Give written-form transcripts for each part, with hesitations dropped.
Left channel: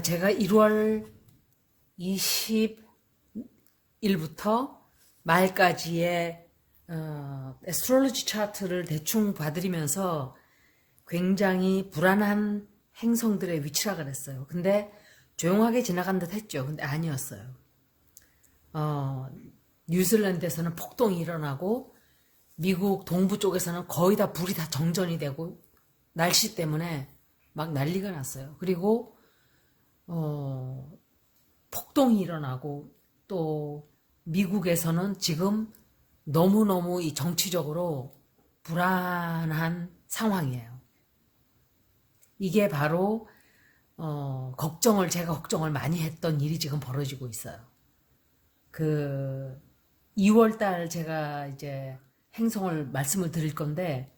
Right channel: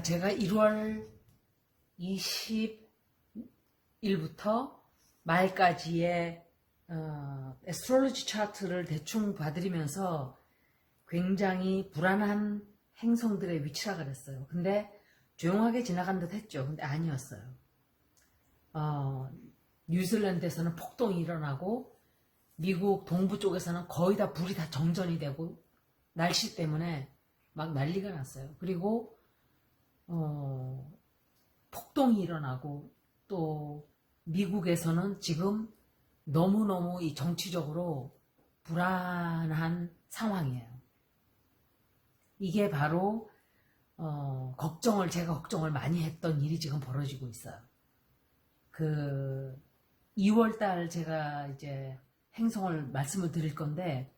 자, 제가 1월 20일부터 말까지의 애스트롤로지 차트를 대충 봐드리면서 굉장히 불안한 행성들의 위치락을 했어요. 근데 조용하게 지나간 듯 했죠. 근데 아니었어요. 뉴질랜드에서는 폭동이 일어나고 미국 동부 쪽에서는 거의 다 불이 다 정전이 되고 날씨 때문에 막 난리가 났어요. 그리고 폭동이 일어나고 또 미국에서는 지금 너무너무 이 정치적으로 불안한 상황이에요. 이게 바로 제가 걱정을 많이 했던 일이 지금 벌어지고 있어요. 그 2월 달 제가 이제 행성을 말씀을 드릴 건데,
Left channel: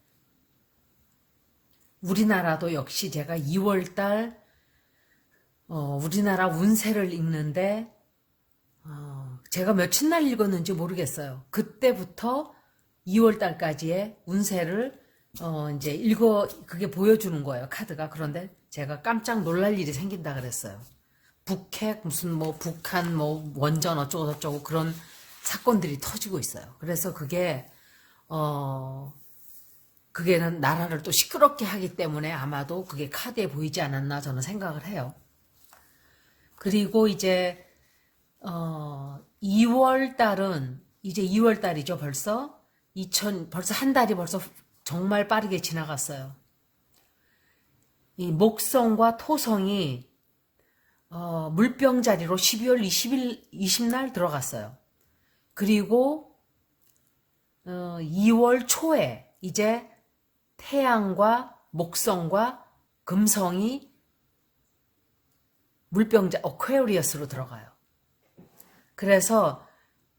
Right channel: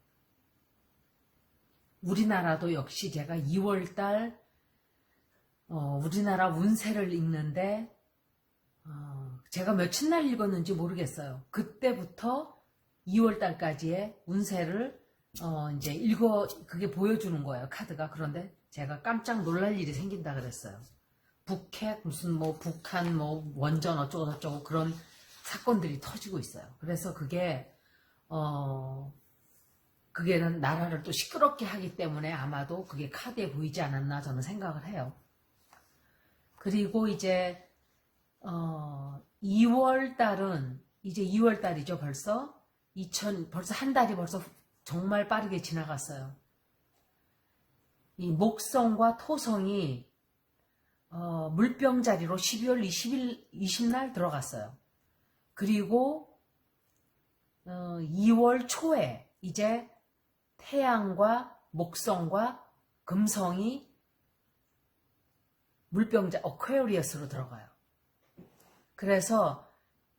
우리나라도 역시 제가 2월 달 우리나라 운세를 읽는데 제가 며칠 날 읽었는지 모르겠어요. 그때부터 2월 달까지의 운세를 이제 그게 보여주는 거예요, 카드가. 그런데 제가 깜짝 놀랄 일이 생긴다 그랬어요. 북핵 무슨 뭐 북한 뭐 원전 어쩌고 저쩌고 그런 사건들이 터지고 있어요. 그래서 그게는 나라를 또 시끄럽게 하기 때문에 아마도 그게 카드에 보이지 않았나 저는 생각을 해요. 그리고 이제 2월 달은 이제 2월 달이죠. 벌써 한 달이 벌써 정말 빠르게 지나갔어요. 이 목성과 토성이 물병자리로 12월 20날 들어갔어요. 그리고 2월 초에 이제 태양과 목성과 금성이 물병자 어퀘리어스로 들어가요. 그래서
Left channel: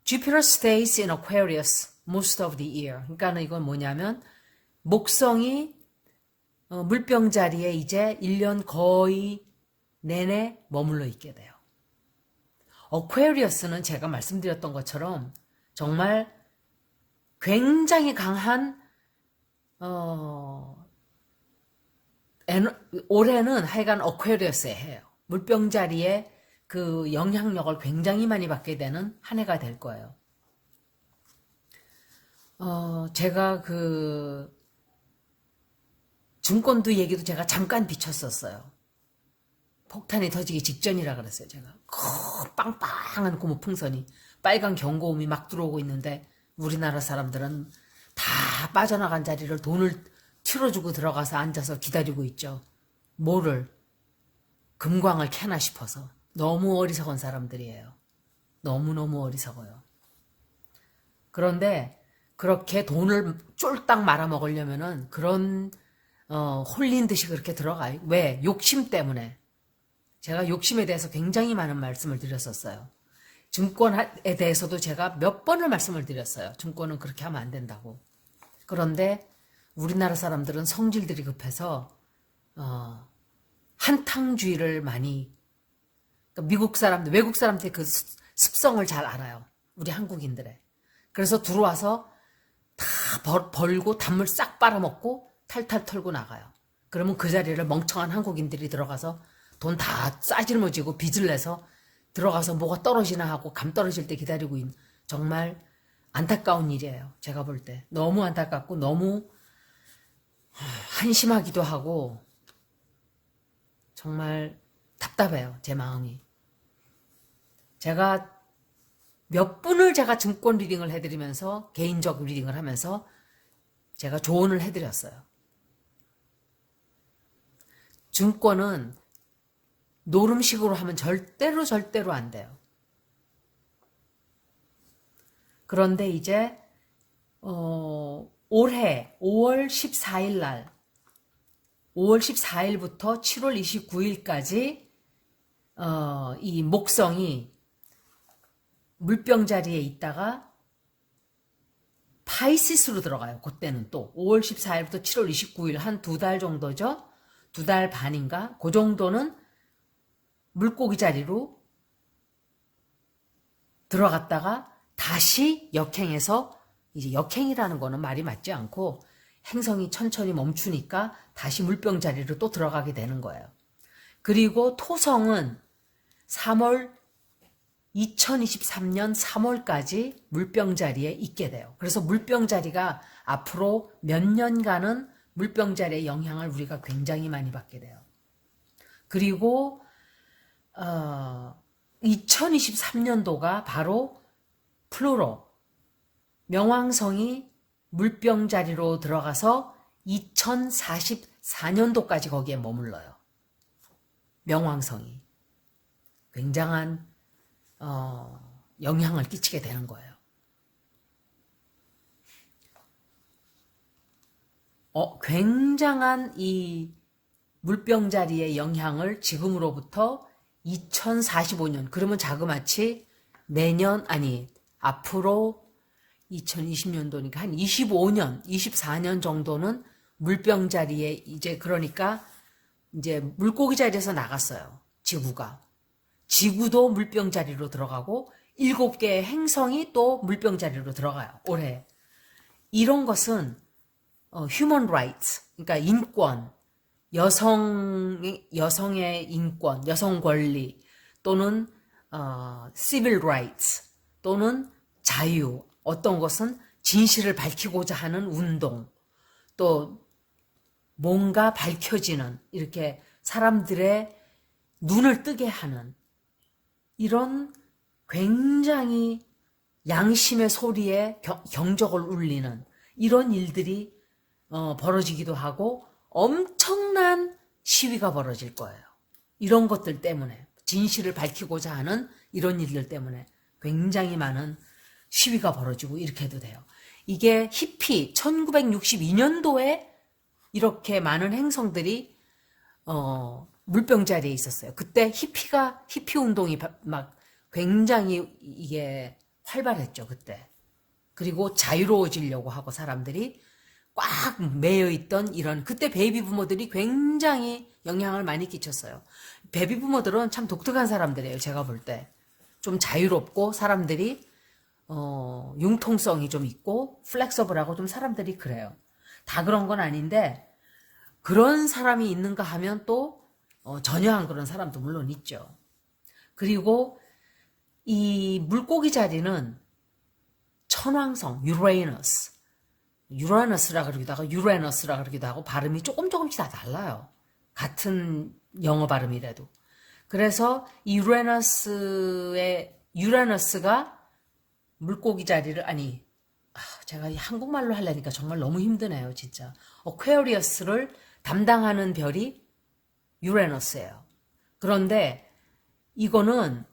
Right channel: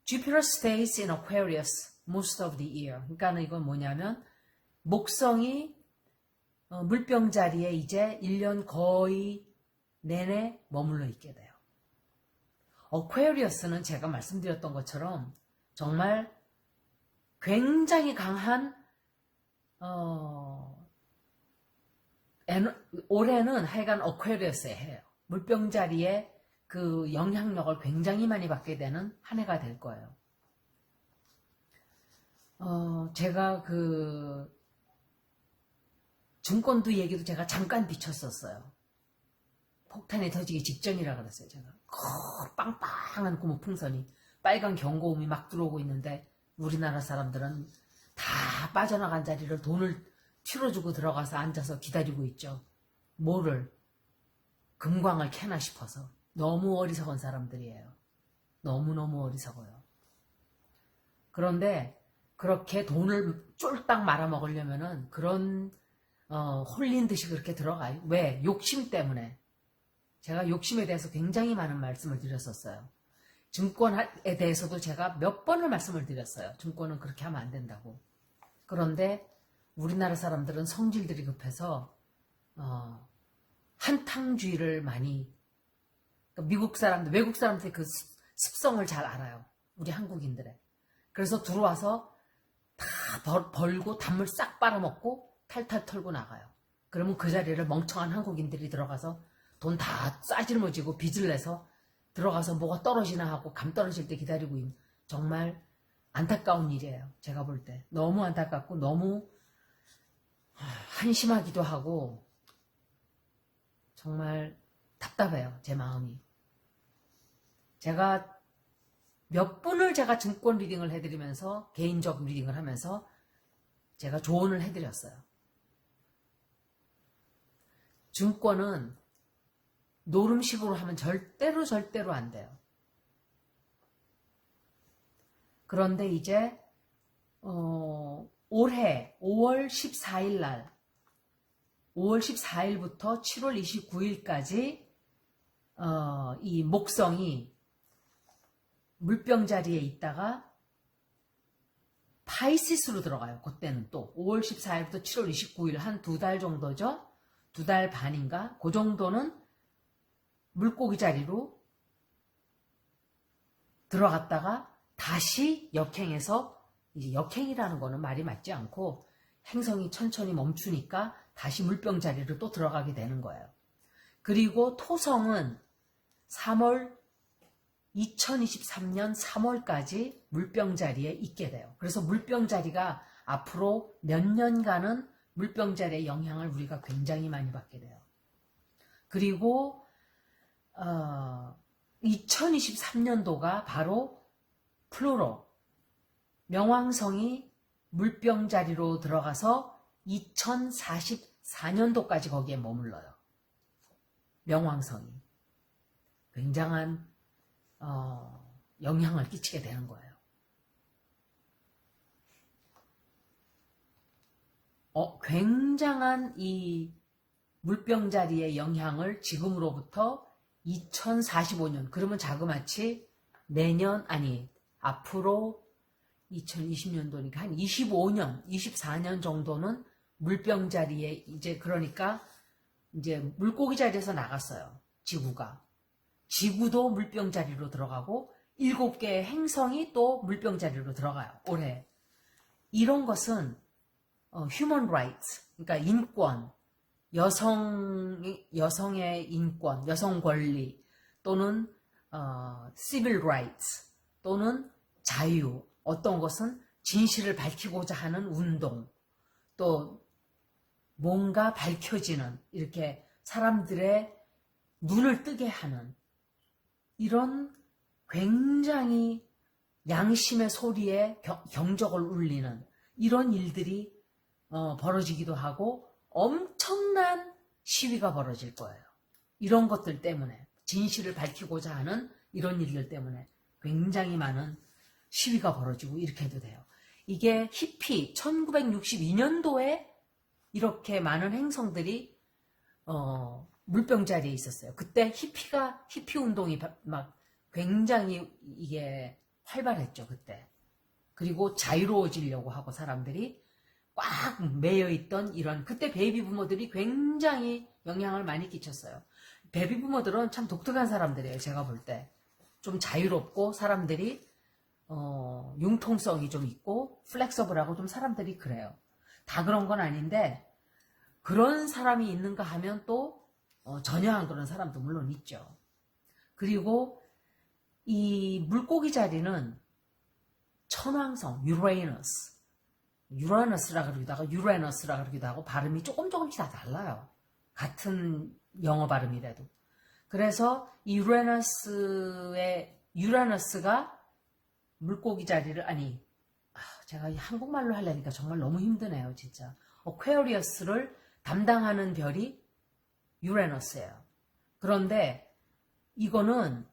Jupiter stays in Aquarius most of the year. 그러니까 이건 뭐냐면 목성이 물병자리에 이제 1년 거의 내내 머물러 있게 돼요. 어퀘리어스는 제가 말씀드렸던 것처럼 정말 굉장히 강한 올해는 하여간 어퀘리어스에 해요. 물병자리에 그 영향력을 굉장히 많이 받게 되는 한 해가 될 거예요. 제가 그 증권도 얘기도 제가 잠깐 비쳤었어요. 폭탄이 터지기 직전이라 그랬어요. 제가 빵빵한 고무풍선이 빨간 경고음이 막 들어오고 있는데 우리나라 사람들은 다 빠져나간 자리를 돈을 틀어주고 들어가서 앉아서 기다리고 있죠. 뭐를? 금광을 캐나 싶어서. 너무 어리석은 사람들이에요. 너무너무 어리석어요. 그런데 그렇게 돈을 쫄딱 말아먹으려면은 그런 홀린 듯이 그렇게 들어가요. 왜? 욕심 때문에. 제가 욕심에 대해서 굉장히 많은 말씀을 드렸었어요. 증권에 대해서도 제가 몇 번을 말씀을 드렸어요. 증권은 그렇게 하면 안 된다고. 그런데 우리나라 사람들은 성질들이 급해서 한탕주의를 많이, 그러니까 미국 사람들, 외국 사람들의 그 습성을 잘 알아요. 우리 한국인들의. 그래서 들어와서 다 벌고 단물 싹 빨아먹고 탈탈 털고 나가요. 그러면 그 자리를 멍청한 한국인들이 들어가서 돈 다 싸질머지고 빚을 내서 들어가서 뭐가 떨어지나 하고 감 떨어질 때 기다리고 있는, 정말 안타까운 일이에요. 제가 볼 때. 너무 안타깝고 너무 한심하기도 하고 정말 답답해요. 제 마음이. 제가 몇 분을 제가 증권 리딩을 해드리면서 개인적 리딩을 하면서 제가 조언을 해드렸어요. 증권은 노름식으로 하면 절대로 안 돼요. 그런데 이제 올해 5월 14일 날 5월 14일부터 7월 29일까지 이 목성이 물병자리에 있다가 파이시스로 들어가요. 그때는 또 5월 14일부터 7월 29일 한 2달 정도죠. 2달 반인가? 그 정도는 물고기 자리로 들어갔다가 다시 역행해서, 이제 역행이라는 거는 말이 맞지 않고 행성이 천천히 멈추니까 다시 물병 자리로 또 들어가게 되는 거예요. 그리고 토성은 2023년 3월까지 물병자리에 있게 돼요. 그래서 물병자리가 앞으로 몇 년간은 물병자리의 영향을 우리가 굉장히 많이 받게 돼요. 그리고 2023년도가 바로 플루로 명왕성이 물병자리로 들어가서 2044년도까지 거기에 머물러요. 명왕성이 굉장한 영향을 끼치게 되는 거예요. 굉장한 이 물병자리의 영향을 지금으로부터 2045년, 그러면 자그마치 내년, 아니, 앞으로 2020년도니까 한 25년, 24년 정도는 물병자리에 이제 그러니까 이제 물고기 자리에서 나갔어요. 지구가. 지구도 물병자리로 들어가고 7개의 행성이 또 물병자리로 들어가요. 올해. 이런 것은 human rights, 그러니까 인권, 여성의 인권, 여성 권리 또는 civil rights 또는 자유, 어떤 것은 진실을 밝히고자 하는 운동, 또 뭔가 밝혀지는 이렇게 사람들의 눈을 뜨게 하는 이런 굉장히 양심의 소리에 경적을 울리는 이런 일들이 벌어지기도 하고 엄청난 시위가 벌어질 거예요. 이런 것들 때문에 진실을 밝히고자 하는 이런 일들 때문에 굉장히 많은 시위가 벌어지고 이렇게 해도 돼요. 이게 히피 1962년도에 이렇게 많은 행성들이 물병자리에 있었어요. 그때 히피 운동이 막 굉장히 이게 활발했죠, 그때. 그리고 자유로워지려고 하고 사람들이 꽉 매여있던 이런, 그때 베이비 부모들이 굉장히 영향을 많이 끼쳤어요. 베이비 부모들은 참 독특한 사람들이에요, 제가 볼 때. 좀 자유롭고 사람들이 융통성이 좀 있고 플렉서블하고 좀 사람들이 그래요. 다 그런 건 아닌데 그런 사람이 있는가 하면 또 전혀 안 그런 사람도 물론 있죠. 그리고 이 물고기 자리는 천왕성, 유라너스라 그러기도 하고 유레너스라 그러기도 하고 발음이 조금씩 다 달라요. 같은 영어 발음이라도. 그래서 이 유라너스가 물고기 자리를, 아니, 제가 한국말로 하려니까 정말 너무 힘드네요, 진짜. 어퀘어리어스를 담당하는 별이 유레너스예요. 그런데 이거는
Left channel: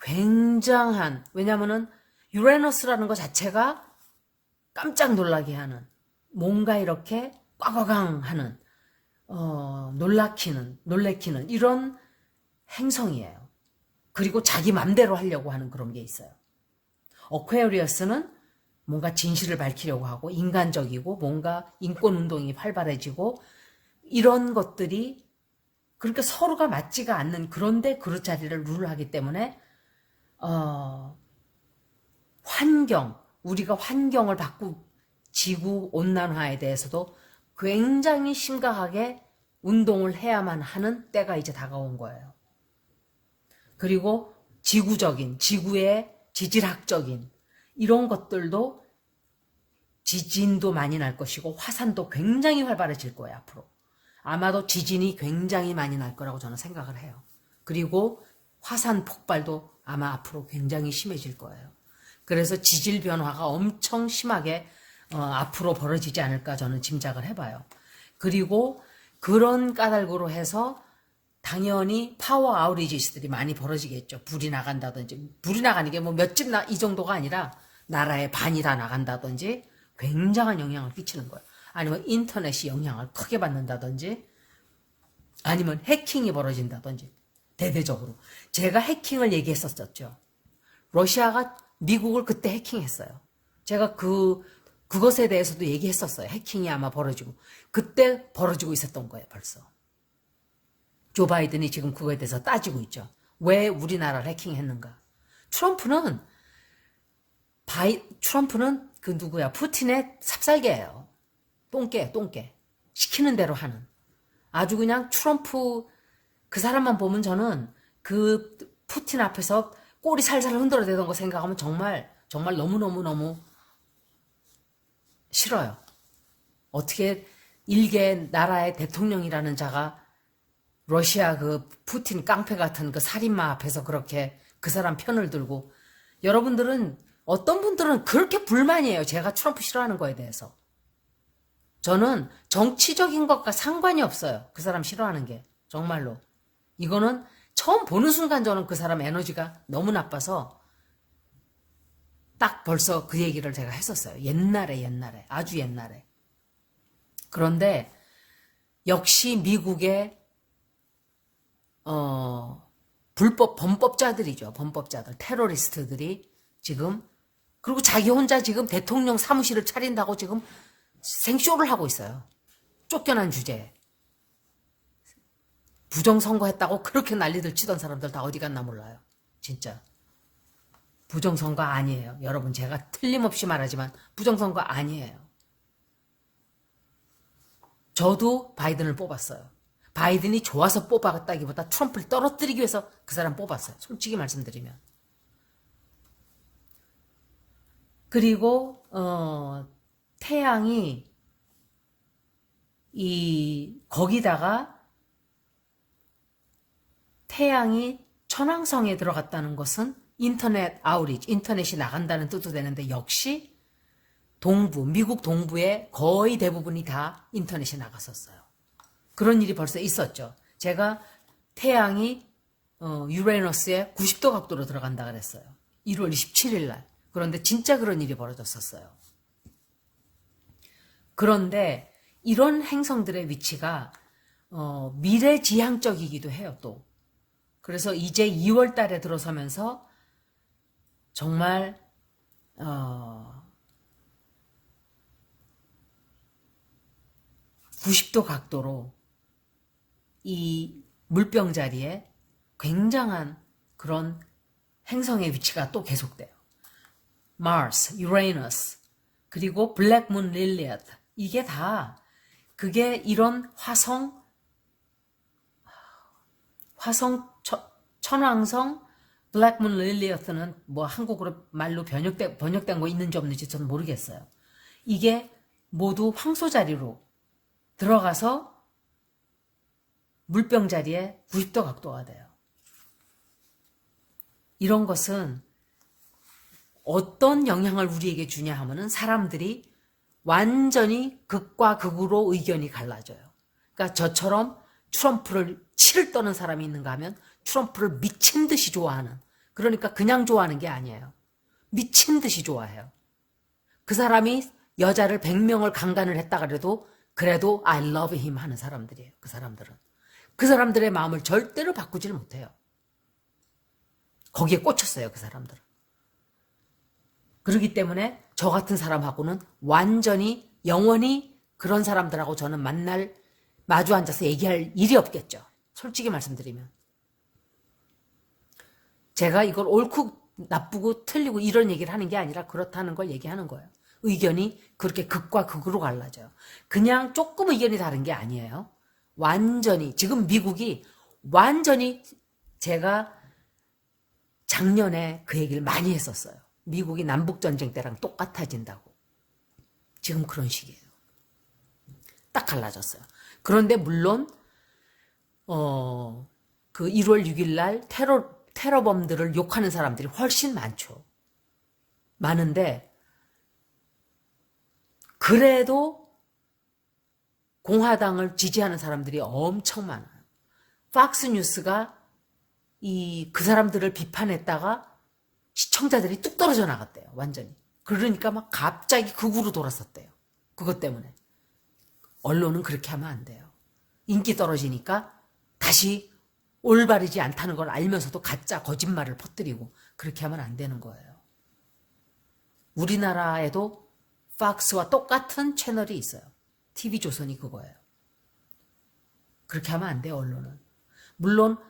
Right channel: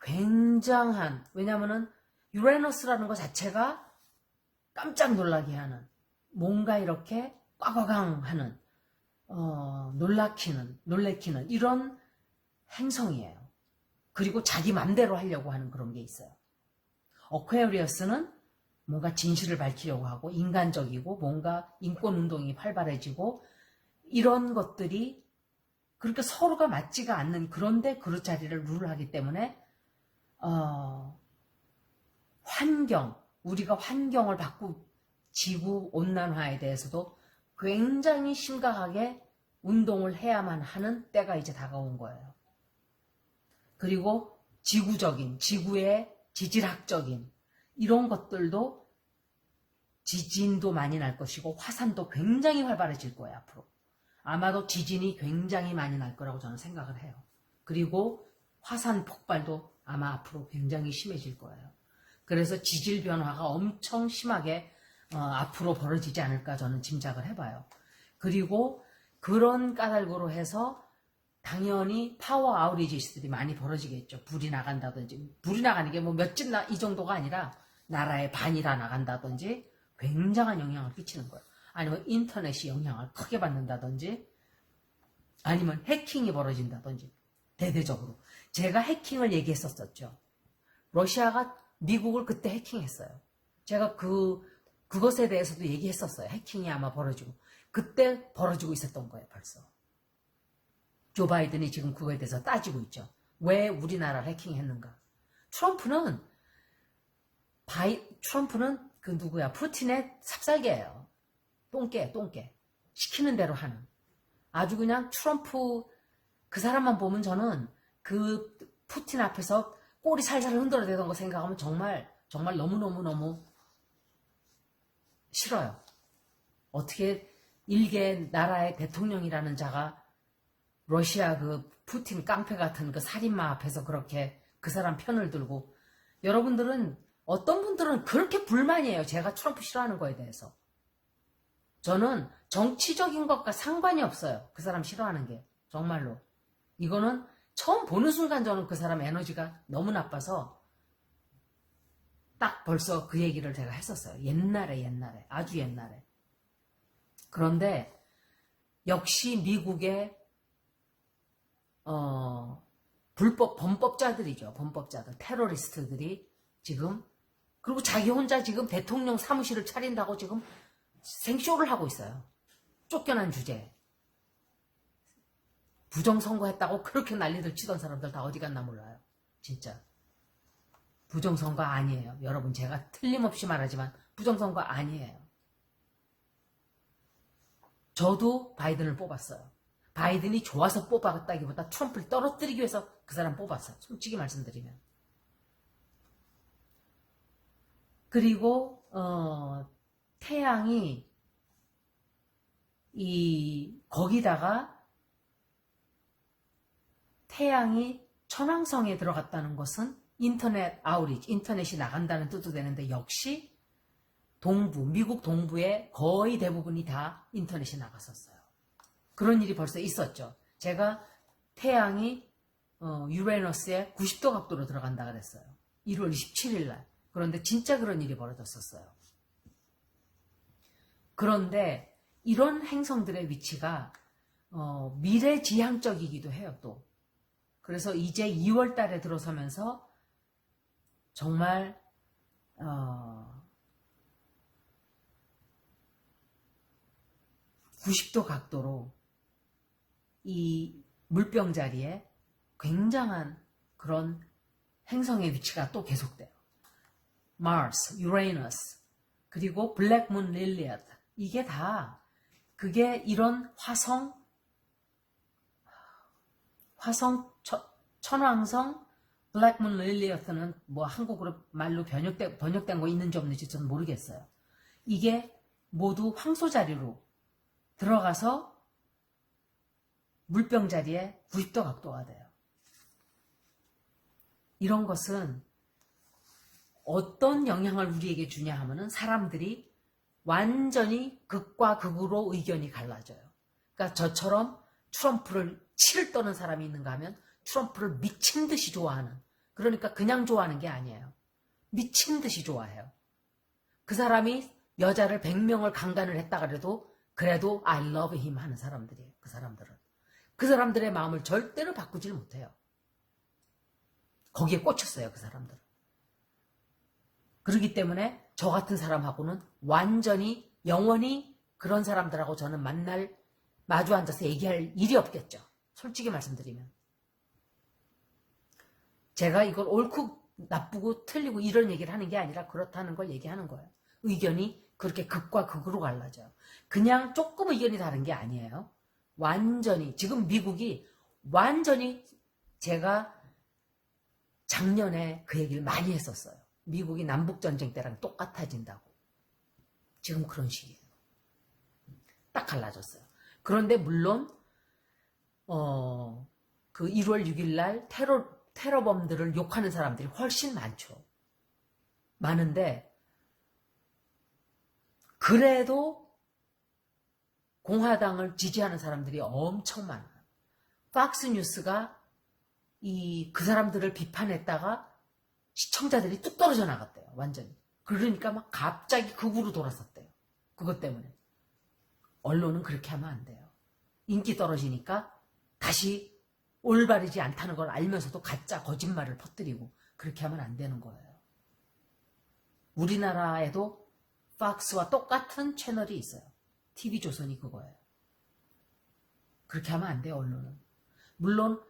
굉장한, 왜냐면은 유레너스라는 것 자체가 깜짝 놀라게 하는, 뭔가 이렇게 꽝꽝꽝 하는, 놀래키는 이런 행성이에요. 그리고 자기 맘대로 하려고 하는 그런 게 있어요. 어퀘어리어스는 뭔가 진실을 밝히려고 하고 인간적이고 뭔가 인권운동이 활발해지고 이런 것들이 그러니까 서로가 맞지가 않는, 그런데 그릇 자리를 룰하기 때문에 우리가 환경을 바꾸고 지구 온난화에 대해서도 굉장히 심각하게 운동을 해야만 하는 때가 이제 다가온 거예요. 그리고 지구의 지질학적인 이런 것들도 지진도 많이 날 것이고 화산도 굉장히 활발해질 거예요, 앞으로. 아마도 지진이 굉장히 많이 날 거라고 저는 생각을 해요. 그리고 화산 폭발도 아마 앞으로 굉장히 심해질 거예요. 그래서 지질 변화가 엄청 심하게 앞으로 벌어지지 않을까 저는 짐작을 해봐요. 그리고 그런 까닭으로 해서 당연히 파워 아우리지스들이 많이 벌어지겠죠. 불이 나간다든지, 불이 나가는 게 뭐 몇 집 이 정도가 아니라 나라의 반이 다 나간다든지 굉장한 영향을 끼치는 거예요. 아니면 인터넷이 영향을 크게 받는다든지 아니면 해킹이 벌어진다든지 대대적으로. 제가 해킹을 얘기했었죠. 러시아가 미국을 그때 해킹했어요. 제가 그것에 대해서도 얘기했었어요. 해킹이 아마 벌어지고. 그때 벌어지고 있었던 거예요, 벌써. 조 바이든이 지금 그거에 대해서 따지고 있죠. 왜 우리나라를 해킹했는가. 트럼프는 그 누구야, 푸틴의 삽살개예요. 똥개. 시키는 대로 하는. 아주 그냥 트럼프 그 사람만 보면 저는 그 푸틴 앞에서 꼬리 살살 흔들어대던 거 생각하면 정말 정말 너무너무너무 싫어요. 어떻게 일개 나라의 대통령이라는 자가 러시아 그 푸틴 깡패 같은 그 살인마 앞에서 그렇게 그 사람 편을 들고, 여러분들은 어떤 분들은 그렇게 불만이에요. 제가 트럼프 싫어하는 거에 대해서. 저는 정치적인 것과 상관이 없어요. 그 사람 싫어하는 게. 정말로. 이거는 처음 보는 순간 저는 그 사람 에너지가 너무 나빠서 딱 벌써 그 얘기를 제가 했었어요. 옛날에. 아주 옛날에. 그런데 역시 미국의 범법자들이죠. 범법자들, 테러리스트들이 지금, 그리고 자기 혼자 지금 대통령 사무실을 차린다고 지금 생쇼를 하고 있어요. 쫓겨난 주제에. 부정선거했다고 그렇게 난리들 치던 사람들 다 어디 갔나 몰라요. 진짜. 부정선거 아니에요. 여러분, 제가 틀림없이 말하지만 부정선거 아니에요. 저도 바이든을 뽑았어요. 바이든이 좋아서 뽑았다기보다 트럼프를 떨어뜨리기 위해서 그 사람 뽑았어요. 솔직히 말씀드리면. 그리고 태양이 거기다가 태양이 천왕성에 들어갔다는 것은 인터넷 아우리지, 인터넷이 나간다는 뜻도 되는데, 역시 미국 동부의 거의 대부분이 다 인터넷이 나갔었어요. 그런 일이 벌써 있었죠. 제가 태양이 유레너스에 90도 각도로 들어간다 그랬어요. 1월 27일 날. 그런데 진짜 그런 일이 벌어졌었어요. 그런데 이런 행성들의 위치가 미래지향적이기도 해요, 또. 그래서 이제 2월 달에 들어서면서 정말 90도 각도로 이 물병 자리에 굉장한 그런 행성의 위치가 또 계속돼요. 마스, 유레너스, 그리고 블랙문 릴리엇, 이게 다 그게 이런 천왕성, 블랙문 릴리엇은 뭐 한국어로 말로 번역된 거 있는지 없는지 저는 모르겠어요. 이게 모두 황소 자리로 들어가서 물병 자리에 90도 각도가 돼요. 이런 것은 어떤 영향을 우리에게 주냐 하면은 사람들이 완전히 극과 극으로 의견이 갈라져요. 그러니까 저처럼 트럼프를 치를 떠는 사람이 있는가 하면 트럼프를 미친 듯이 좋아하는, 그러니까 그냥 좋아하는 게 아니에요. 미친 듯이 좋아해요. 그 사람이 여자를 100명을 강간을 했다 그래도 I love him 하는 사람들이에요. 그 사람들은. 그 사람들의 마음을 절대로 바꾸질 못해요. 거기에 꽂혔어요, 그 사람들은. 그렇기 때문에 저 같은 사람하고는 완전히 영원히 그런 사람들하고 저는 마주 앉아서 얘기할 일이 없겠죠. 솔직히 말씀드리면. 제가 이걸 옳고 나쁘고 틀리고 이런 얘기를 하는 게 아니라 그렇다는 걸 얘기하는 거예요. 의견이 그렇게 극과 극으로 갈라져요. 그냥 조금 의견이 다른 게 아니에요. 완전히, 지금 미국이 완전히, 제가 작년에 그 얘기를 많이 했었어요. 미국이 남북전쟁 때랑 똑같아진다고. 지금 그런 식이에요. 딱 갈라졌어요. 그런데 물론 그 1월 6일 날 테러범들을 욕하는 사람들이 훨씬 많죠. 많은데 그래도 공화당을 지지하는 사람들이 엄청 많아요. 팍스뉴스가 그 사람들을 비판했다가 시청자들이 뚝 떨어져 나갔대요. 완전히. 그러니까 막 갑자기 극으로 돌았었대요. 그것 때문에. 언론은 그렇게 하면 안 돼요. 인기 떨어지니까 다시 올바르지 않다는 걸 알면서도 가짜 거짓말을 퍼뜨리고 그렇게 하면 안 되는 거예요. 우리나라에도 팍스와 똑같은 채널이 있어요. TV조선이 그거예요. 그렇게 하면 안 돼요, 언론은. 물론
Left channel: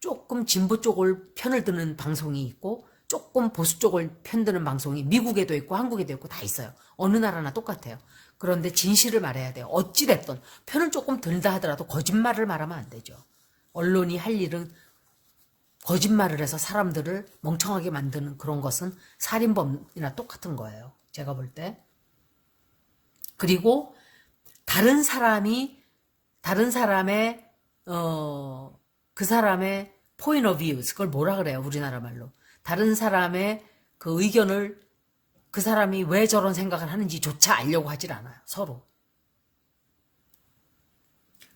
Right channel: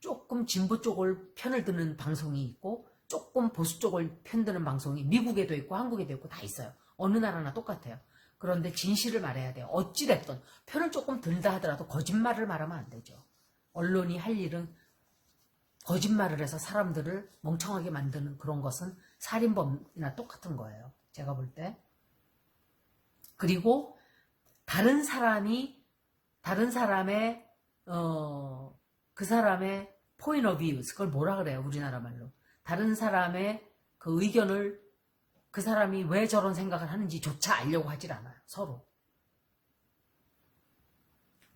조금 진보 쪽을 편을 드는 방송이 있고 조금 보수 쪽을 편드는 방송이 미국에도 있고 한국에도 있고 다 있어요. 어느 나라나 똑같아요. 그런데 진실을 말해야 돼요. 어찌됐든 편을 조금 들다 하더라도 거짓말을 말하면 안 되죠. 언론이 할 일은 거짓말을 해서 사람들을 멍청하게 만드는 그런 것은 살인범이나 똑같은 거예요. 제가 볼 때. 그리고 다른 사람의 그 사람의 point of view, 그걸 뭐라 그래요? 우리나라 말로. 다른 사람의 그 의견을 그 사람이 왜 저런 생각을 하는지조차 알려고 하질 않아요. 서로.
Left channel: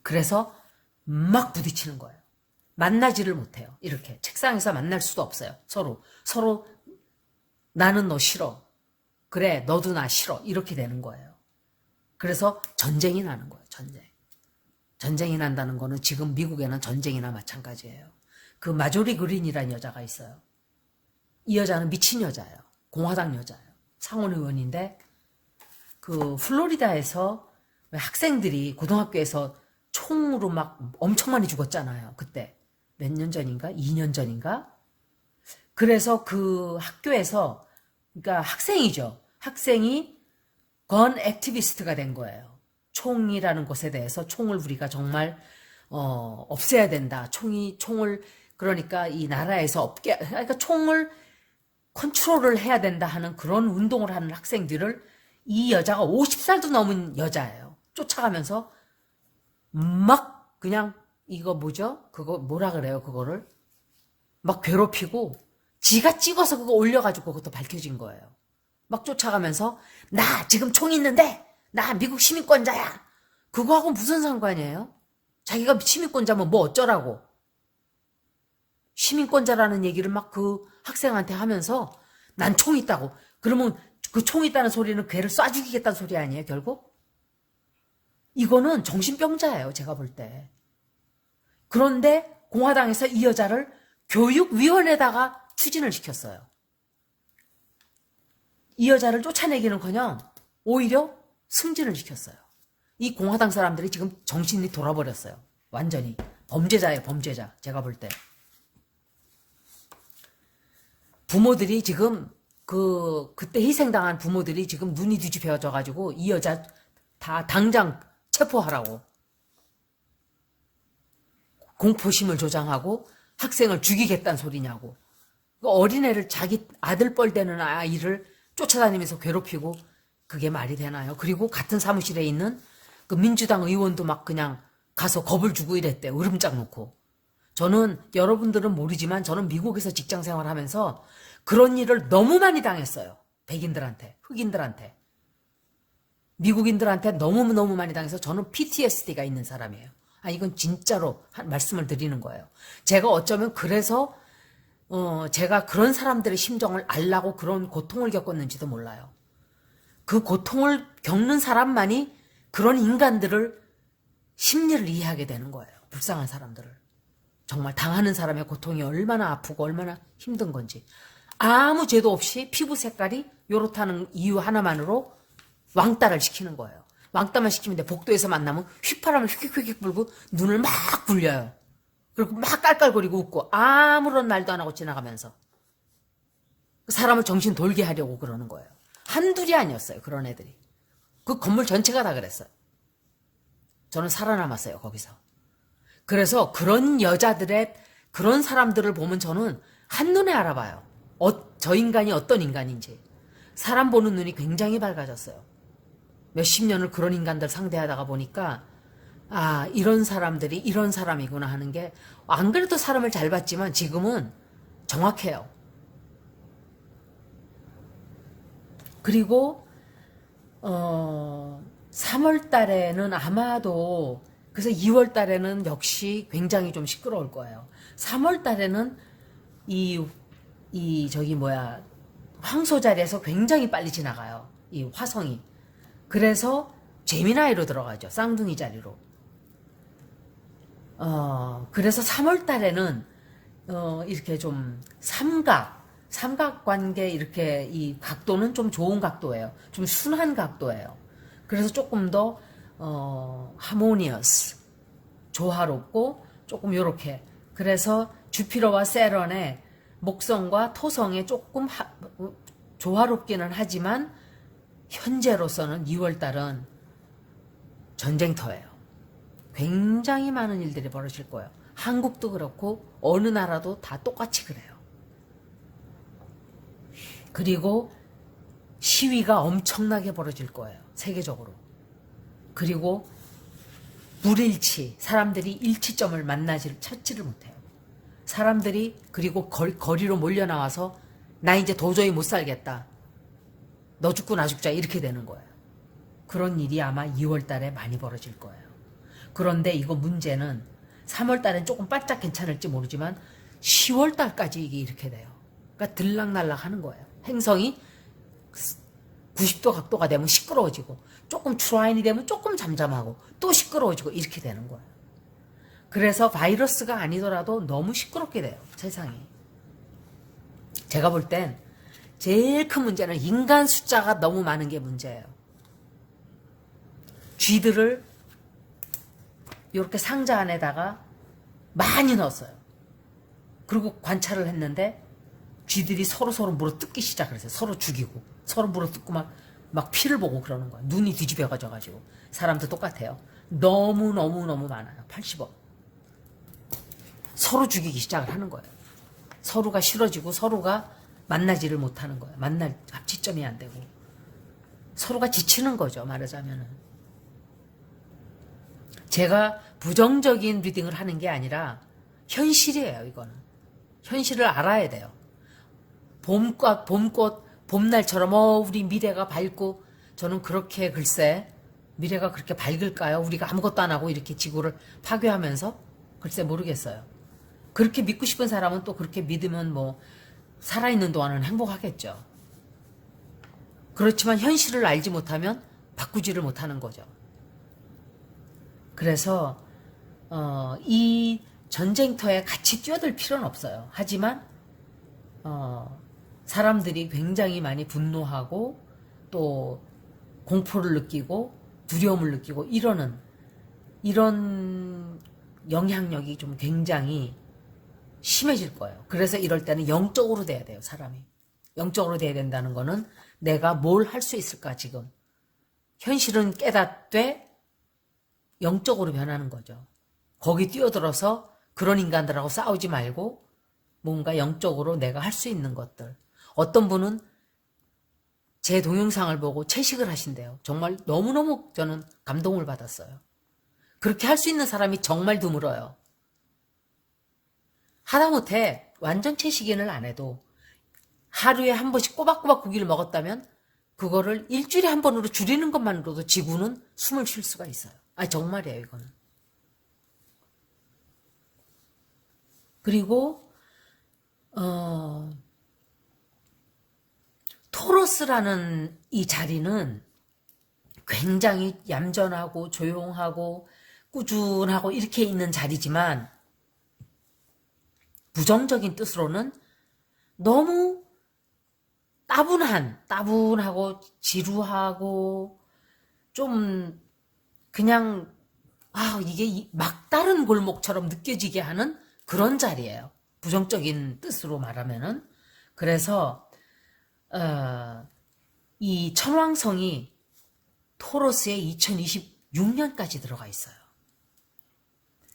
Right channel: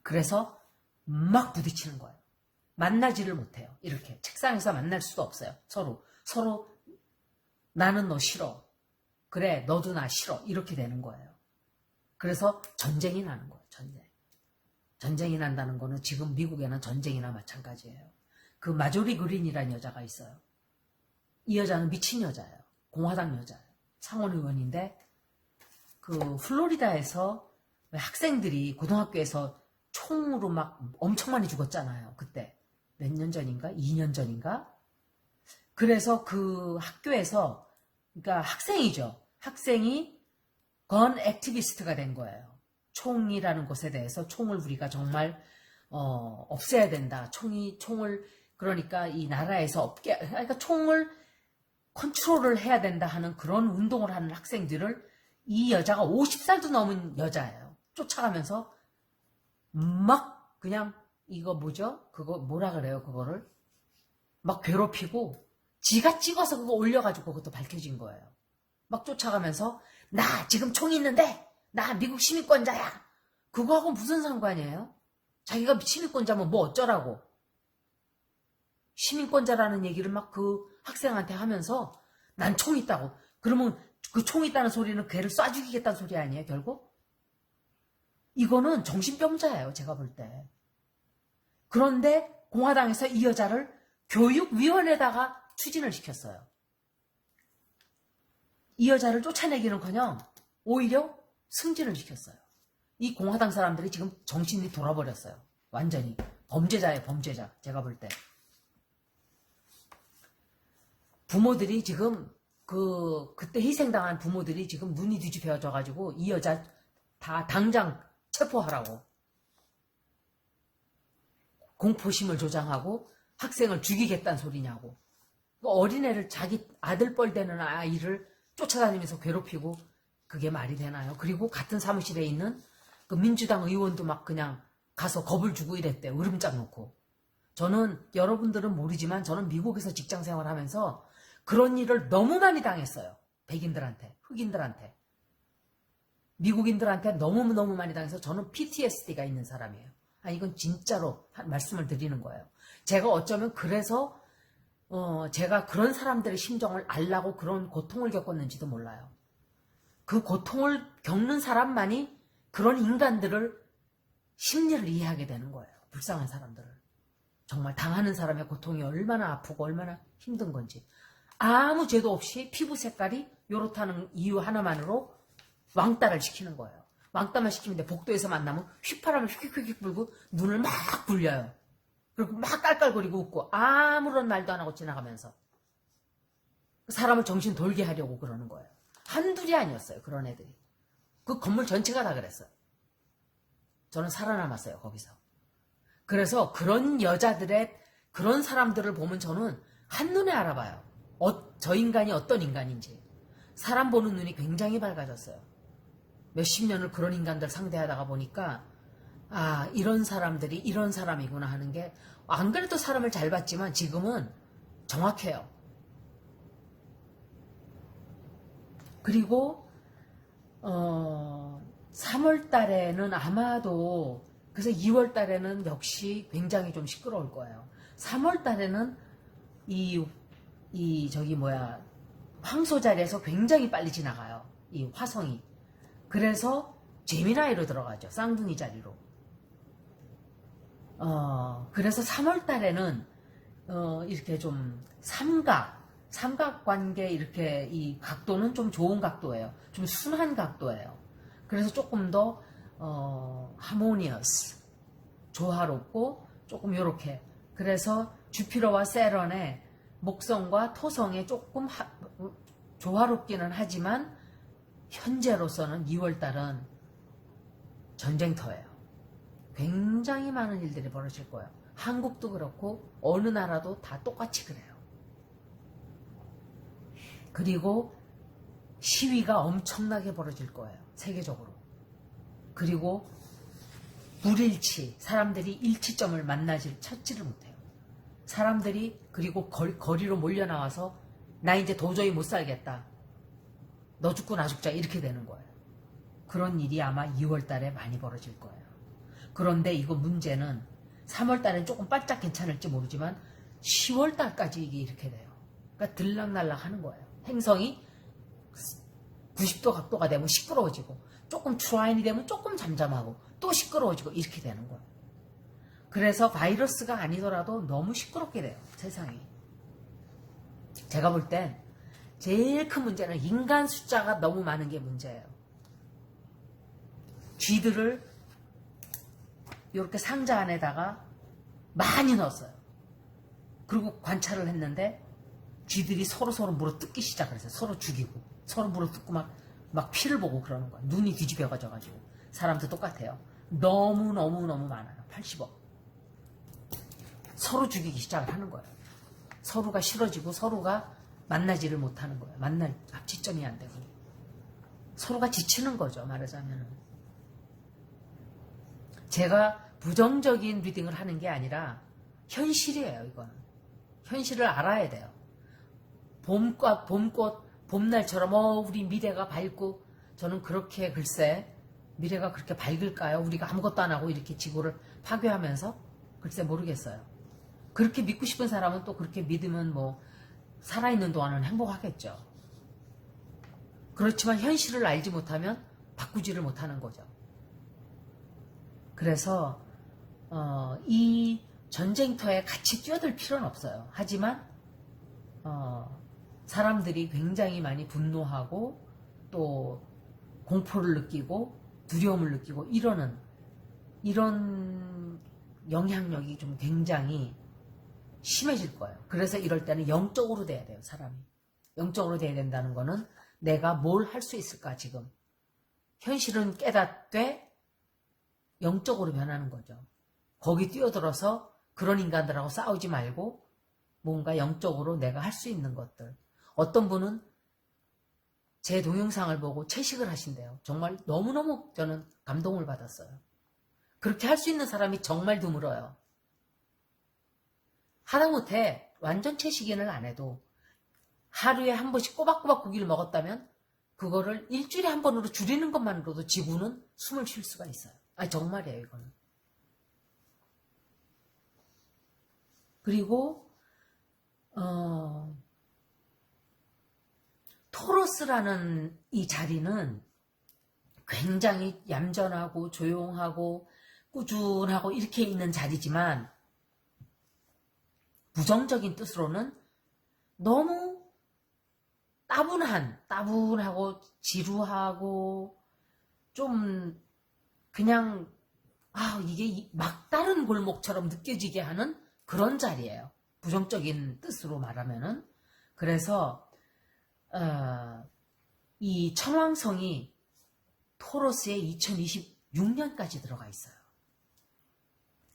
그래서 막 부딪히는 거예요. 만나지를 못해요. 이렇게 책상에서 만날 수도 없어요. 서로 나는 너 싫어. 그래 너도 나 싫어. 이렇게 되는 거예요. 그래서 전쟁이 나는 거예요. 전쟁이 난다는 거는 지금 미국에는 전쟁이나 마찬가지예요. 그 마조리 그린이라는 여자가 있어요. 이 여자는 미친 여자예요. 공화당 여자예요. 상원 의원인데 그 플로리다에서 학생들이 고등학교에서 총으로 막 엄청 많이 죽었잖아요. 그때 몇 년 전인가? 2년 전인가? 그래서 그 학교에서 그러니까 학생이죠. 학생이 건 액티비스트가 된 거예요. 총이라는 것에 대해서 총을 우리가 정말 없애야 된다. 총을 그러니까 이 나라에서 없게 그러니까 총을 컨트롤을 해야 된다 하는 그런 운동을 하는 학생들을 이 여자가 50살도 넘은 여자예요. 쫓아가면서 막 그냥 이거 뭐죠? 그거 뭐라 그래요? 그거를 막 괴롭히고 지가 찍어서 그거 올려가지고 그것도 밝혀진 거예요. 막 쫓아가면서 나 지금 총 있는데 나 미국 시민권자야. 그거하고 무슨 상관이에요? 자기가 시민권자면 뭐 어쩌라고. 시민권자라는 얘기를 막 그 학생한테 하면서 난 총 있다고. 그러면 그 총 있다는 소리는 걔를 쏴 죽이겠다는 소리 아니에요 결국? 이거는 정신병자예요 제가 볼 때. 그런데 공화당에서 이 여자를 교육위원회에다가 추진을 시켰어요. 이 여자를 쫓아내기는커녕 오히려 승진을 시켰어요. 이 공화당 사람들이 지금 정신이 돌아버렸어요. 완전히 범죄자예요. 범죄자. 제가 볼 때. 부모들이 지금 그때 희생당한 부모들이 지금 눈이 뒤집혀져가지고 이 여자 다 당장 체포하라고. 공포심을 조장하고 학생을 죽이겠다는 소리냐고. 그 어린애를 자기 아들 뻘 되는 아이를 쫓아다니면서 괴롭히고 그게 말이 되나요? 그리고 같은 사무실에 있는 그 민주당 의원도 막 그냥 가서 겁을 주고 이랬대. 으름장 놓고. 저는 여러분들은 모르지만 저는 미국에서 직장 생활하면서 그런 일을 너무 많이 당했어요. 백인들한테, 흑인들한테. 미국인들한테 너무너무 많이 당해서 저는 PTSD가 있는 사람이에요. 이건 진짜로 말씀을 드리는 거예요. 제가 어쩌면 그래서 제가 그런 사람들의 심정을 알라고 그런 고통을 겪었는지도 몰라요. 그 고통을 겪는 사람만이 그런 인간들을 심리를 이해하게 되는 거예요. 불쌍한 사람들을. 정말 당하는 사람의 고통이 얼마나 아프고 얼마나 힘든 건지. 아무 죄도 없이 피부 색깔이 요렇다는 이유 하나만으로 왕따를 시키는 거예요. 왕따만 시키면 돼. 복도에서 만나면 휘파람을 휙휙휙 불고 눈을 막 굴려요. 그리고 막 깔깔거리고 웃고 아무런 말도 안 하고 지나가면서 사람을 정신 돌게 하려고 그러는 거예요. 한둘이 아니었어요. 그런 애들이. 그 건물 전체가 다 그랬어요. 저는 살아남았어요. 거기서. 그래서 그런 여자들의 그런 사람들을 보면 저는 한눈에 알아봐요. 저 인간이 어떤 인간인지. 사람 보는 눈이 굉장히 밝아졌어요. 몇십 년을 그런 인간들 상대하다가 보니까 이런 사람들이 이런 사람이구나 하는 게 안 그래도 사람을 잘 봤지만 지금은 정확해요. 그리고 3월 달에는 아마도 그래서 2월 달에는 역시 굉장히 좀 시끄러울 거예요. 3월 달에는 황소 자리에서 굉장히 빨리 지나가요. 이 화성이. 그래서 제미나이로 들어가죠. 쌍둥이 자리로. 그래서 3월 달에는 이렇게 좀 삼각관계 이렇게 이 각도는 좀 좋은 각도예요. 좀 순한 각도예요. 그래서 조금 더 하모니어스, 조화롭고 조금 요렇게. 그래서 주피터와 세런의 목성과 토성에 조금 조화롭기는 하지만 현재로서는 2월달은 전쟁터예요. 굉장히 많은 일들이 벌어질 거예요. 한국도 그렇고 어느 나라도 다 똑같이 그래요. 그리고 시위가 엄청나게 벌어질 거예요. 세계적으로. 그리고 불일치, 사람들이 일치점을 찾지를 못해요. 사람들이 그리고 거리로 몰려나와서 나 이제 도저히 못 살겠다. 너 죽고 나 죽자 이렇게 되는 거예요. 그런 일이 아마 2월 달에 많이 벌어질 거예요. 그런데 이거 문제는 3월 달엔 조금 바짝 괜찮을지 모르지만 10월 달까지 이게 이렇게 돼요. 그러니까 들락날락 하는 거예요. 행성이 90도 각도가 되면 시끄러워지고 조금 트라인이 되면 조금 잠잠하고 또 시끄러워지고 이렇게 되는 거예요. 그래서 바이러스가 아니더라도 너무 시끄럽게 돼요. 세상이. 제가 볼 땐 제일 큰 문제는 인간 숫자가 너무 많은 게 문제예요. 쥐들을 이렇게 상자 안에다가 많이 넣었어요. 그리고 관찰을 했는데 쥐들이 서로 물어뜯기 시작을 했어요. 서로 죽이고 서로 물어뜯고 막 피를 보고 그러는 거예요. 눈이 뒤집혀가지고. 사람도 똑같아요. 너무 많아요. 80억. 서로 죽이기 시작을 하는 거예요. 서로가 싫어지고 서로가 만나지를 못하는 거예요. 만날 합치점이 안 되고 서로가 지치는 거죠. 말하자면은. 제가 부정적인 리딩을 하는 게 아니라 현실이에요. 이거는. 현실을 알아야 돼요. 봄꽃, 봄날처럼 우리 미래가 밝고 저는 그렇게 글쎄 미래가 그렇게 밝을까요? 우리가 아무것도 안 하고 이렇게 지구를 파괴하면서 글쎄 모르겠어요. 그렇게 믿고 싶은 사람은 또 그렇게 믿으면 뭐 살아있는 동안은 행복하겠죠. 그렇지만 현실을 알지 못하면 바꾸지를 못하는 거죠. 그래서 이 전쟁터에 같이 뛰어들 필요는 없어요. 하지만 사람들이 굉장히 많이 분노하고 또 공포를 느끼고 두려움을 느끼고 이런 영향력이 좀 굉장히 심해질 거예요. 그래서 이럴 때는 영적으로 돼야 돼요. 사람이. 영적으로 돼야 된다는 거는 내가 뭘 할 수 있을까 지금. 현실은 깨닫되 영적으로 변하는 거죠. 거기 뛰어들어서 그런 인간들하고 싸우지 말고 뭔가 영적으로 내가 할 수 있는 것들. 어떤 분은 제 동영상을 보고 채식을 하신대요. 정말 너무너무 저는 감동을 받았어요. 그렇게 할 수 있는 사람이 정말 드물어요. 하다못해 완전 채식인을 안 해도 하루에 한 번씩 꼬박꼬박 고기를 먹었다면 그거를 일주일에 한 번으로 줄이는 것만으로도 지구는 숨을 쉴 수가 있어요. 정말이에요, 이거는. 그리고 토러스라는 이 자리는 굉장히 얌전하고 조용하고 꾸준하고 이렇게 있는 자리지만 부정적인 뜻으로는 너무 따분하고 지루하고 좀 그냥 이게 막다른 골목처럼 느껴지게 하는 그런 자리예요. 부정적인 뜻으로 말하면은. 그래서 이 천왕성이 토러스에 2026년까지 들어가 있어요.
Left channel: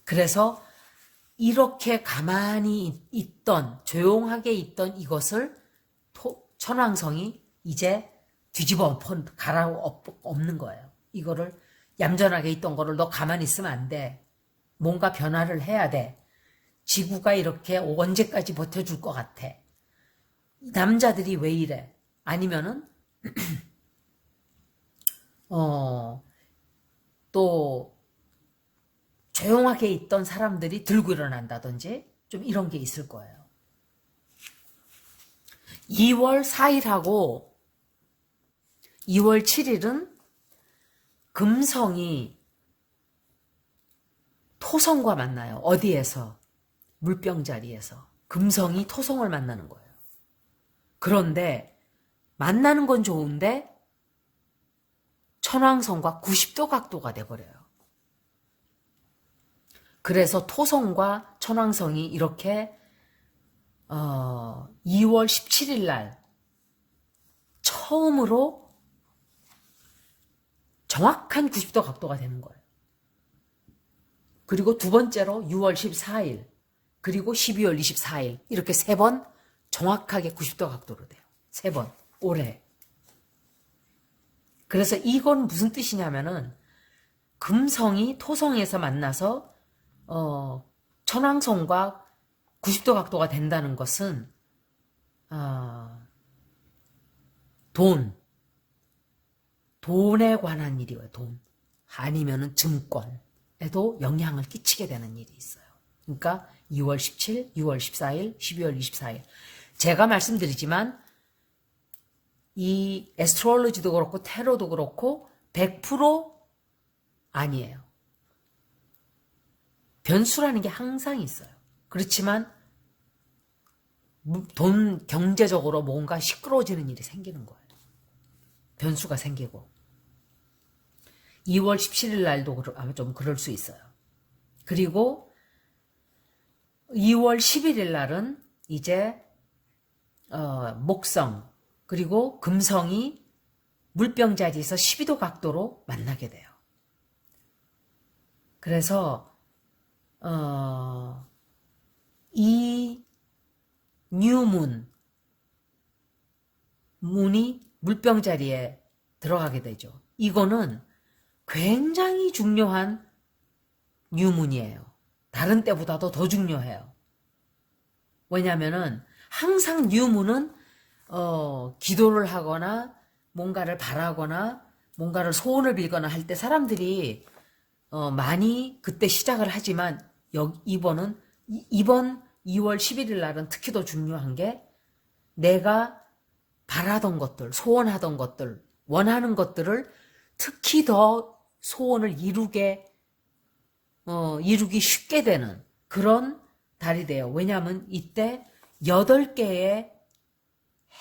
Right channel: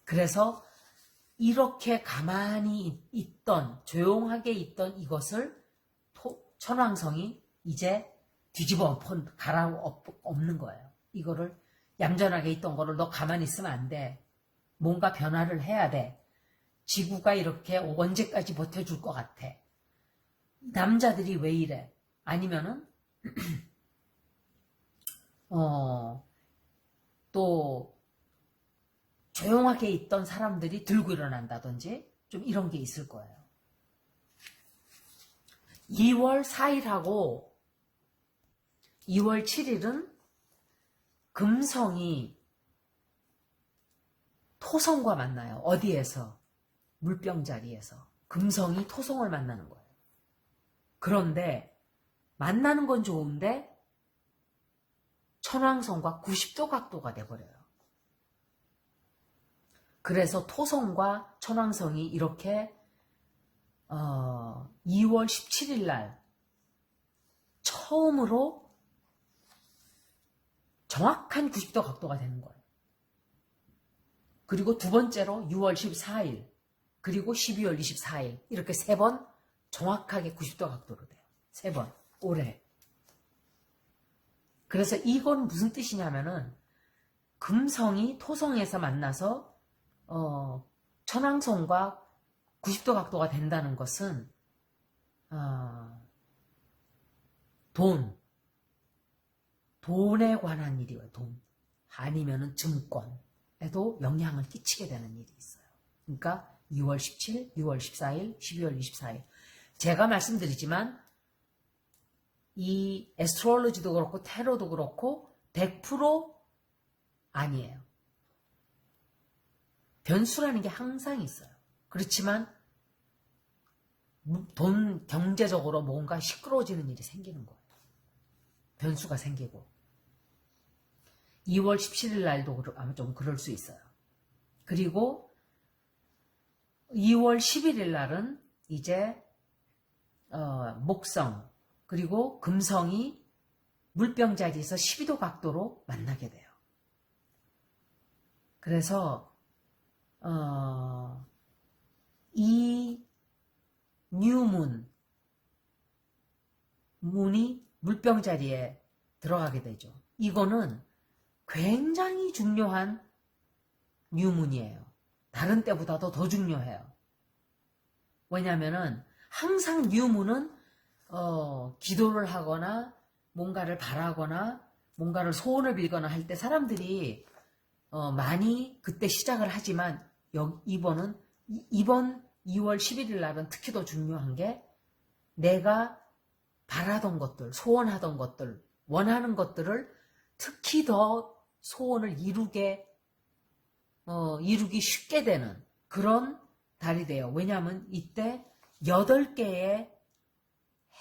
그래서 이렇게 가만히 있던 조용하게 있던 이것을 천왕성이 이제 뒤집어 갈아엎는 거예요. 이거를 얌전하게 있던 거를 너 가만히 있으면 안 돼. 뭔가 변화를 해야 돼. 지구가 이렇게 언제까지 버텨줄 것 같아. 남자들이 왜 이래? 아니면은 또 조용하게 있던 사람들이 들고 일어난다든지 좀 이런 게 있을 거예요. 2월 4일하고 2월 7일은 금성이 토성과 만나요. 어디에서? 물병 자리에서. 금성이 토성을 만나는 거예요. 그런데 만나는 건 좋은데 천왕성과 90도 각도가 돼버려요. 그래서 토성과 천왕성이 이렇게 2월 17일 날 처음으로 정확한 90도 각도가 되는 거예요. 그리고 두 번째로 6월 14일, 그리고 12월 24일 이렇게 세 번 정확하게 90도 각도로 돼요. 세 번 올해. 그래서 이건 무슨 뜻이냐면은 금성이 토성에서 만나서 천왕성과 90도 각도가 된다는 것은 돈에 관한 일이에요. 돈. 아니면은 증권에도 영향을 끼치게 되는 일이 있어요. 그러니까 2월 17, 6월 14일, 12월 24일. 제가 말씀드리지만 이 애스트롤로지도 그렇고 테러도 그렇고 100% 아니에요. 변수라는 게 항상 있어요. 그렇지만 경제적으로 뭔가 시끄러워지는 일이 생기는 거예요. 변수가 생기고 2월 17일 날도 아마 좀 그럴 수 있어요. 그리고 2월 11일 날은 이제 목성 그리고 금성이 물병 자리에서 12도 각도로 만나게 돼요. 그래서 이 문이 물병 자리에 들어가게 되죠. 이거는 굉장히 중요한 뉴문이에요. 다른 때보다도 더 중요해요. 왜냐하면은 항상 뉴문은 기도를 하거나 뭔가를 바라거나 뭔가를 소원을 빌거나 할 때 사람들이 많이 그때 시작을 하지만 이번 2월 11일 날은 특히 더 중요한 게 내가 바라던 것들, 소원하던 것들, 원하는 것들을 특히 더 소원을 이루기 쉽게 되는 그런 달이 돼요. 왜냐하면 이때 8개의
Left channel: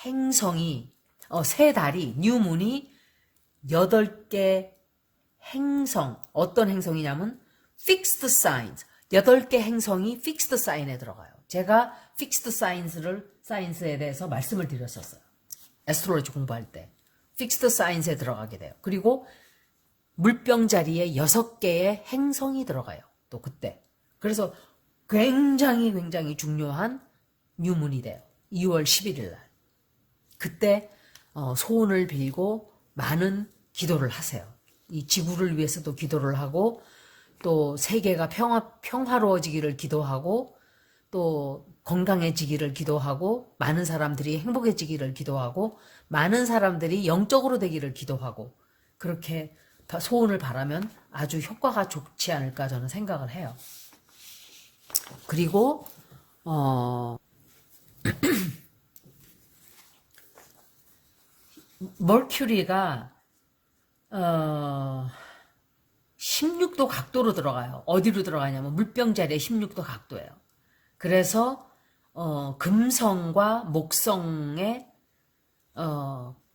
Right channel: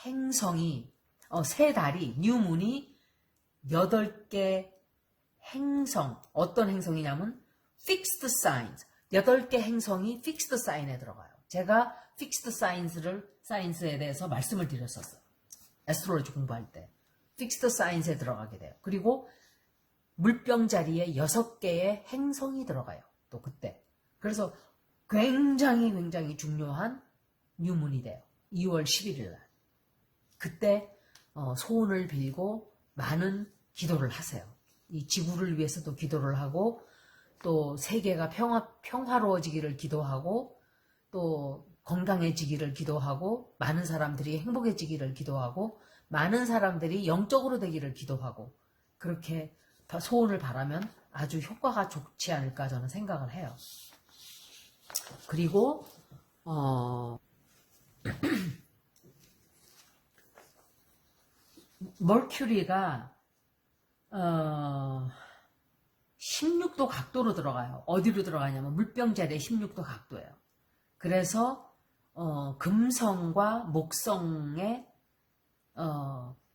행성이 세 달이 뉴문이 8개 행성 어떤 행성이냐면 fixed signs 8개 행성이 fixed sign에 들어가요. 제가 fixed signs에 대해서 말씀을 드렸었어요. 애스트롤로지 공부할 때 fixed signs에 들어가게 돼요. 그리고 물병 자리에 6개의 행성이 들어가요. 또 그때. 그래서 굉장히 중요한 뉴문이 돼요. 2월 11일 날. 그때 소원을 빌고 많은 기도를 하세요. 이 지구를 위해서도 기도를 하고 또 세계가 평화로워지기를 기도하고 또 건강해지기를 기도하고 많은 사람들이 행복해지기를 기도하고 많은 사람들이 영적으로 되기를 기도하고 그렇게 소원을 바라면 아주 효과가 좋지 않을까 저는 생각을 해요. 그리고 머큐리가 16도 각도로 들어가요. 어디로 들어가냐면 물병 자리에 16도 각도예요. 그래서 금성과 목성에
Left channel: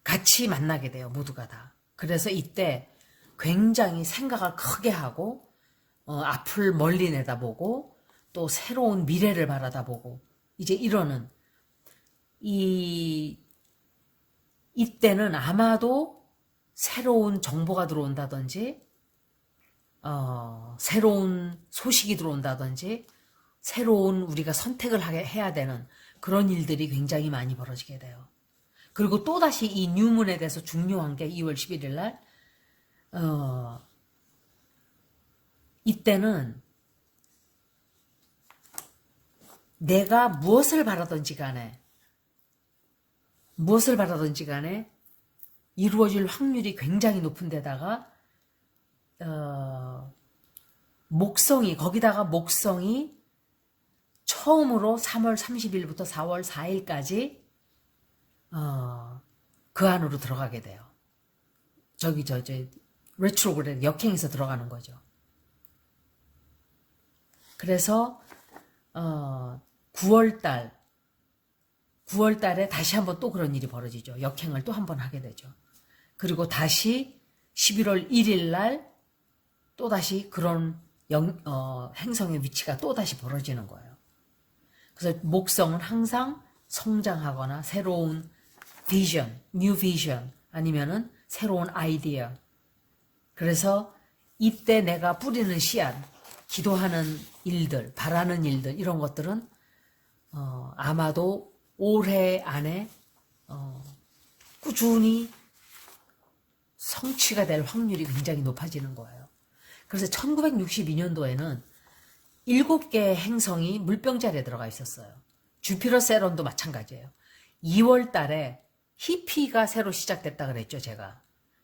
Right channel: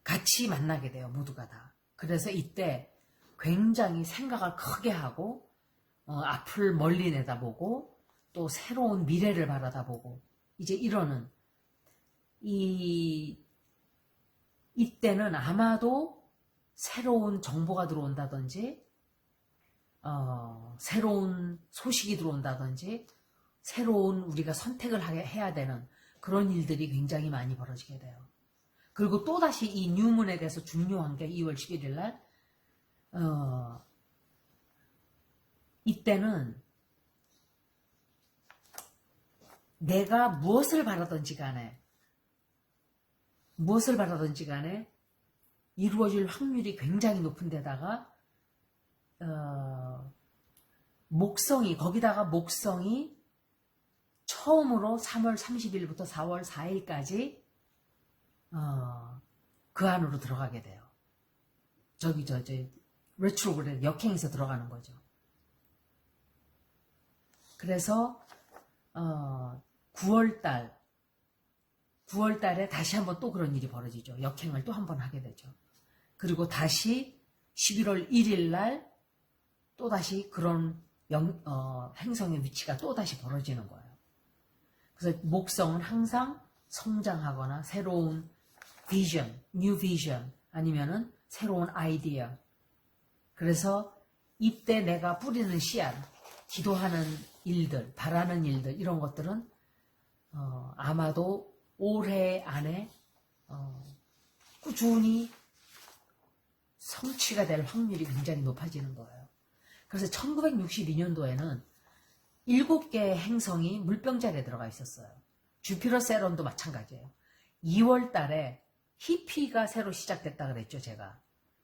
같이 만나게 돼요. 모두가 다. 그래서 이때 굉장히 생각을 크게 하고 앞을 멀리 내다보고 또 새로운 미래를 바라다보고 이제 이러는 이때는 아마도 새로운 정보가 들어온다든지 새로운 소식이 들어온다든지 새로운 우리가 선택을 해야 되는 그런 일들이 굉장히 많이 벌어지게 돼요. 그리고 또다시 이 뉴문에 대해서 중요한 게 2월 11일 날 이때는 내가 무엇을 바라든지 간에 이루어질 확률이 굉장히 높은 데다가 거기다가 목성이 처음으로 3월 30일부터 4월 4일까지 그 안으로 들어가게 돼요. 레트로그레드 역행해서 들어가는 거죠. 그래서 9월달에 다시 한번 또 그런 일이 벌어지죠. 역행을 또 한번 하게 되죠. 그리고 다시 11월 1일 날 또다시 그런 행성의 위치가 또다시 벌어지는 거예요. 그래서 목성은 항상 성장하거나 새로운 비전, 뉴 비전 아니면은 새로운 아이디어. 그래서 이때 내가 뿌리는 씨앗 기도하는 일들, 바라는 일들 이런 것들은 아마도 올해 안에 꾸준히 성취가 될 확률이 굉장히 높아지는 거예요. 그래서 1962년도에는 7개의 행성이 물병자리에 들어가 있었어요. 주피터 세론도 마찬가지예요. 2월 달에 히피가 새로 시작됐다 그랬죠, 제가.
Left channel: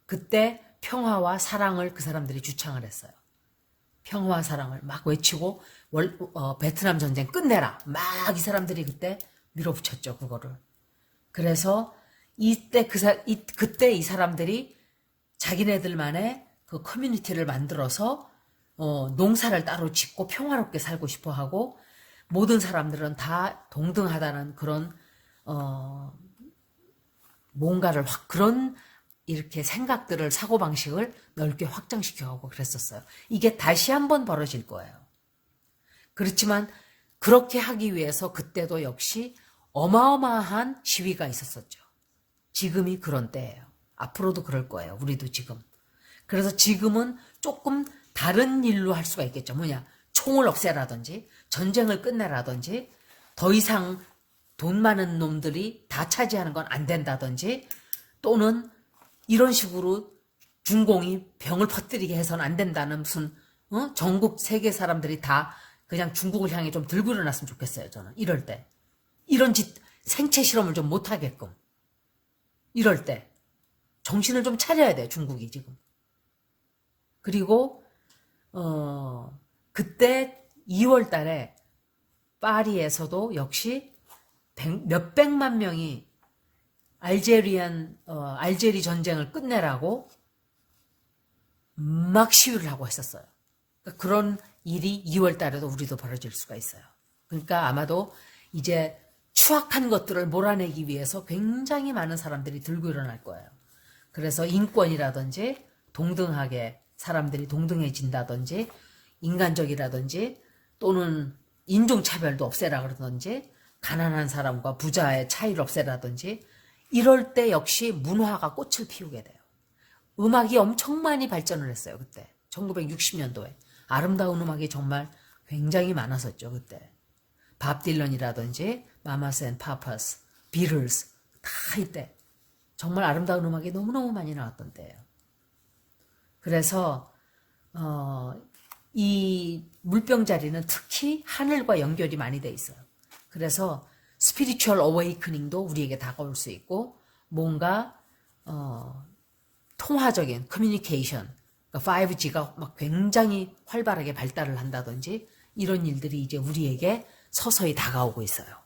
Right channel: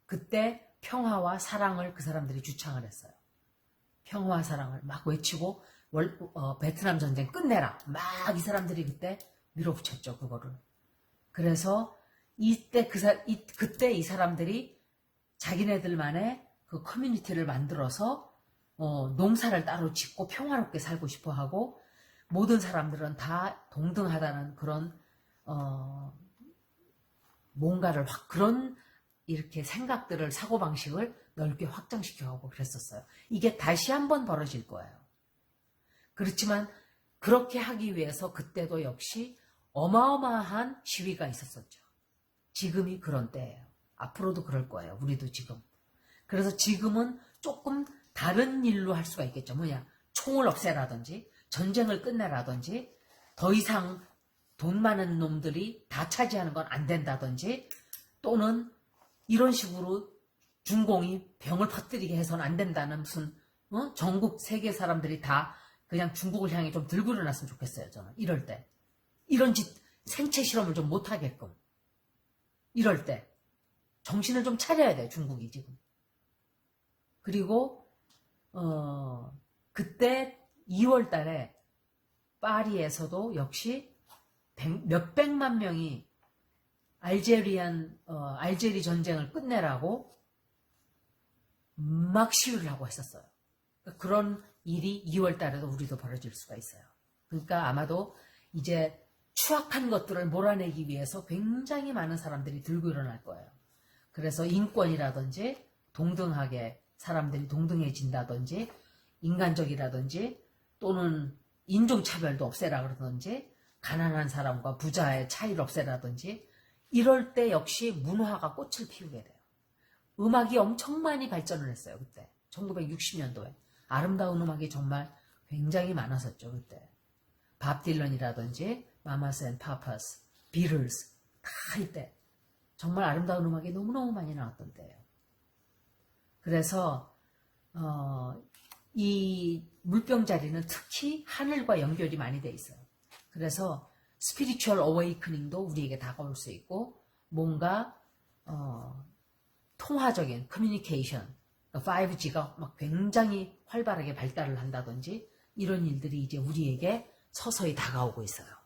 그때 평화와 사랑을 그 사람들이 주창을 했어요. 평화와 사랑을 막 외치고 베트남 전쟁 끝내라. 막 이 사람들이 그때 밀어붙였죠, 그거를. 그래서 이때 그때 이 사람들이 자기네들만의 그 커뮤니티를 만들어서 농사를 따로 짓고 평화롭게 살고 싶어 하고 모든 사람들은 다 동등하다는 그런 뭔가를 그런 이렇게 생각들을 사고방식을 넓게 확장시켜가고 그랬었어요. 이게 다시 한번 벌어질 거예요. 그렇지만 그렇게 하기 위해서 그때도 역시 어마어마한 시위가 있었었죠. 지금이 그런 때예요. 앞으로도 그럴 거예요. 우리도 지금. 그래서 지금은 조금 다른 일로 할 수가 있겠죠. 뭐냐, 총을 없애라든지 전쟁을 끝내라든지 더 이상 돈 많은 놈들이 다 차지하는 건 안 된다든지 또는 이런 식으로 중공이 병을 퍼뜨리게 해서는 안 된다는 무슨 전국 세계 사람들이 다 그냥 중국을 향해 좀 들고 일어났으면 좋겠어요. 저는 이럴 때 이런 생체 실험을 좀 못하게끔 이럴 때 정신을 좀 차려야 돼, 중국이 지금. 그리고 그때 2월 달에 파리에서도 역시 몇백만 명이 알제리 전쟁을 끝내라고 막 시위를 하고 했었어요. 그러니까 그런 일이 2월 달에도 우리도 벌어질 수가 있어요. 그러니까 아마도 이제 추악한 것들을 몰아내기 위해서 굉장히 많은 사람들이 들고 일어날 거예요. 그래서 인권이라든지 동등하게 사람들이 동등해진다든지 인간적이라든지 또는 인종차별도 없애라 그러든지 가난한 사람과 부자의 차이를 없애라든지 이럴 때 역시 문화가 꽃을 피우게 돼요. 음악이 엄청 많이 발전을 했어요. 그때 1960년도에 아름다운 음악이 정말 굉장히 많았었죠. 그때 밥 딜런이라든지 마마스 앤 파파스, 비틀스 다 이때 정말 아름다운 음악이 너무너무 많이 나왔던 때예요. 그래서 이 물병자리는 특히 하늘과 연결이 많이 돼 있어요. 그래서 스피리추얼 어웨이크닝도 우리에게 다가올 수 있고 뭔가 통화적인 커뮤니케이션, 그러니까 5G가 막 굉장히 활발하게 발달을 한다든지 이런 일들이 이제 우리에게 서서히 다가오고 있어요.